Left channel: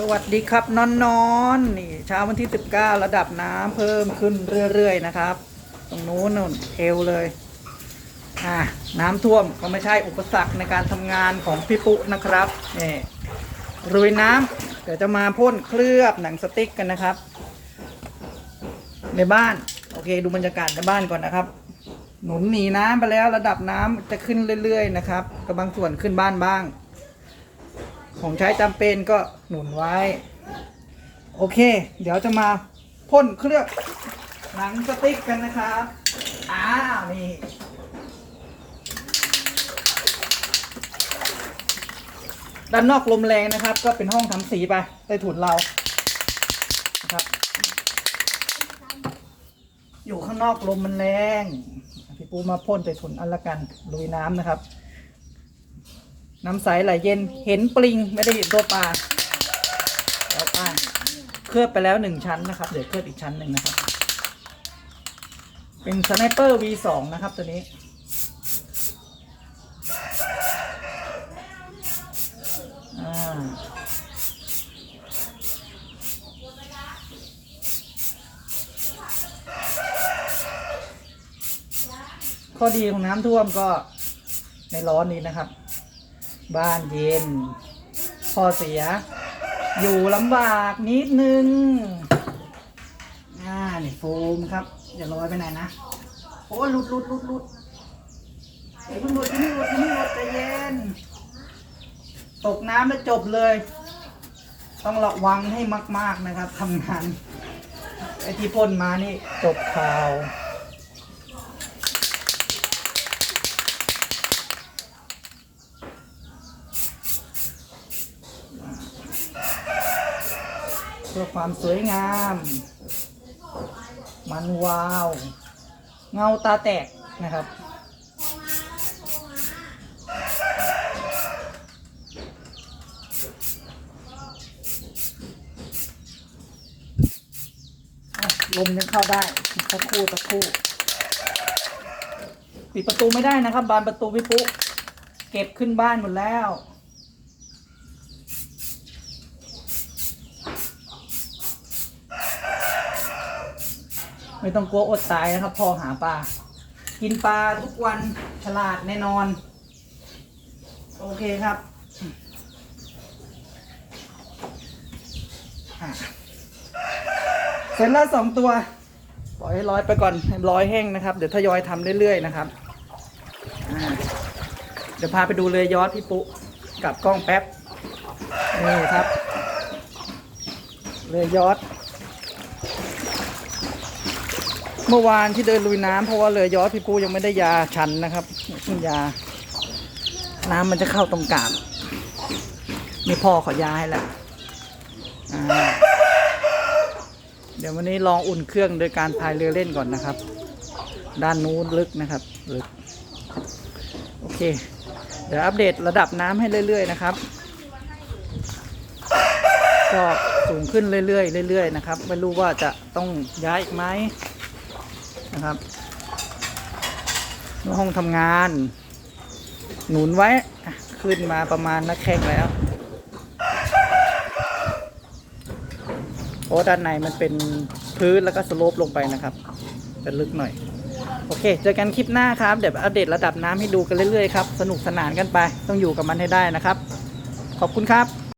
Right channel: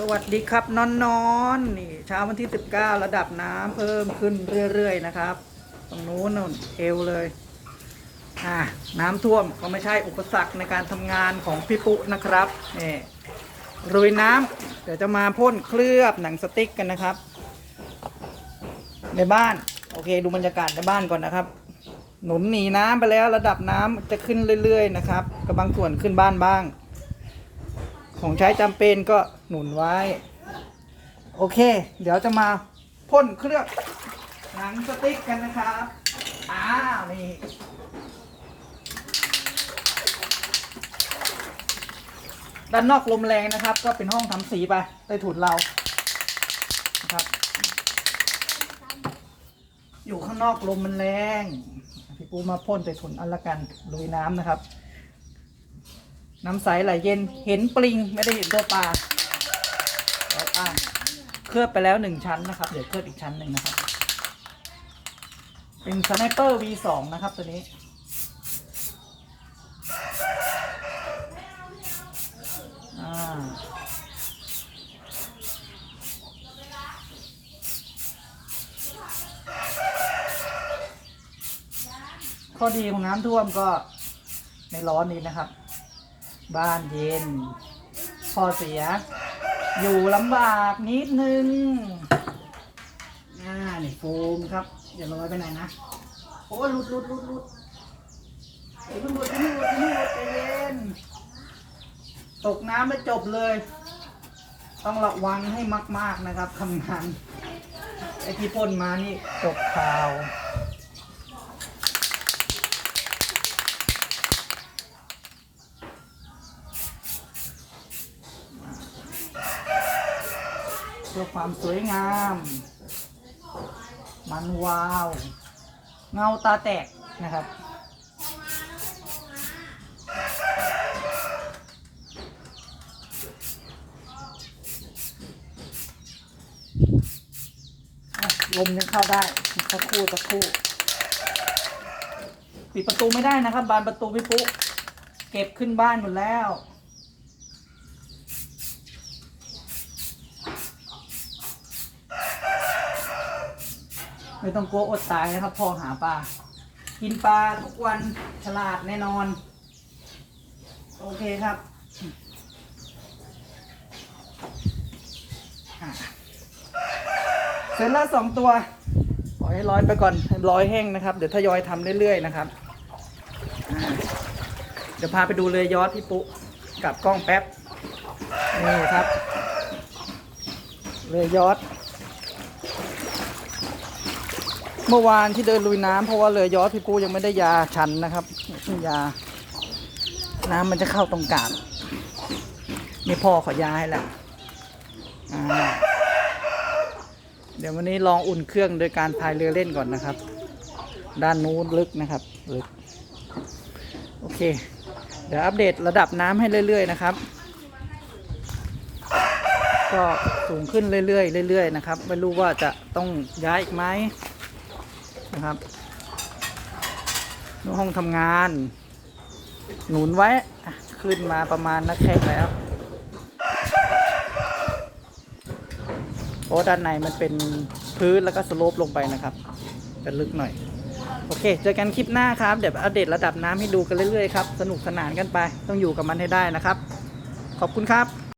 สวัสดีครับนอนนอนนี่เช้าวันที่ 19 ระดับน้ำเพิ่มขึ้นเรื่อยๆนะครับ ตรงนู้นนู่นเอวเลยอ่าน้ำท่วมก็ไม่ใช่อุปสรรคในการทำงานของพี่ปุ๊นะครับนี่รุยน้ำเดี๋ยวจะมาพ่นเคลือบหนังสติ๊กกันนะครับ ในบ้าน โอเค ดูบรรยากาศในบ้านก่อนนะครับ หนุนหนีน้ำไปแล้วระดับน้ำจะขึ้นเรื่อย ๆ นะครับก็บางส่วนขึ้นบ้านบ้าง ของใช้จำเป็นก็หนุนไว้ โอเค เดี๋ยวจะมาพ่นเคลือบหนังสติ๊กกันนะครับอ้าวนี่ด้านนอกลมแรงนะครับ ก็เป็นห้องทำสีไปใต้ถุนเรานะครับ อยู่ข้างนอกลมมันแรง พี่ปูมาพ่นใต้ถุนอันละกันลุยน้ำนะครับ น้ำใสไหลเย็นเห็นปลิงไม่ได้เห็นตัวปลาแล้วป้าเคลือบไปแล้วหนึ่งชั้นนะครับ เดี๋ยวเคลือบอีกชั้นหนึ่งนะครับ เป็นสไนเปอร์ V2 นะครับตัวนี้ข้อดีของน้ำท่วมก็ในร้อนนี้นะครับ บ้านเย็นข้อเสีย อยู่ลำบากนิดนึงอ่านี่โฟมครับอย่าลอยไปไหนนะโอ้หลุดหลุดหลุดหลุดอย่าเพิ่งหลุดอย่าเพิ่หลุดอย่าเพิ่หลุดใจเย็น ตกน้ำแล้วจบเลย ต้องระวังให้มาก ๆนะครับทำงานไอ้ที่พ่นมานี่จบข่าว พื่อความสวยงาม มันวาว เงาตาแตกนะครับลมยังเข้าได้สักคู่สักคู่ปิดประตูไม่ได้นะครับ บานประตูพี่ปุ๊เก็บขึ้นบ้านหมดแล้ว ไม่ต้องกลัวอดตายนะครับพอหาปลา กินปลาทุกวันฉลาดแน่นอน โอเคครับเสร็จแล้วสองตัวปล่อยให้ร้อยไปก่อนให้ร้อยแห้งนะครับ เดี๋ยวทยอยทำเรื่อยๆนะครับเดี๋ยวพาไปดูเรือยอดพี่ปุ๊กับกล้องแป๊บนี่ครับเรือยอด เมื่อวานที่เดินลุยน้ำเพราะว่าเรือยอยพี่ปูยังไม่ได้ยาชันนะครับเพิ่งยา น้ำมันจะเข้าตรงกลางนี่พ่อขอยาให้แล้วเดี๋ยววันนี้ลองอุ่นเครื่องโดยการพายเรือเล่นก่อนนะครับ ด้านนู้นลึกนะครับลึกโอเค เดี๋ยวอัปเดตระดับน้ำให้เรื่อย ๆ นะครับ ก็สูงขึ้นเรื่อยๆเรื่อยๆนะครับ ไม่รู้ว่าจะต้องย้ายอีกไหม นะครับห้องทำงาน หนุนไว้ขึ้นมาประมาณนักแข้งแล้วเพราะด้านในมันเป็นพื้นแล้วก็สโลปลงไปนะครับจะลึกหน่อย โอเค เจอกันคลิปหน้าครับ เดี๋ยวอัปเดตระดับน้ำให้ดูกันเรื่อยๆครับ สนุกสนานกันไป ต้องอยู่กับมันให้ได้นะครับ ขอบคุณครับ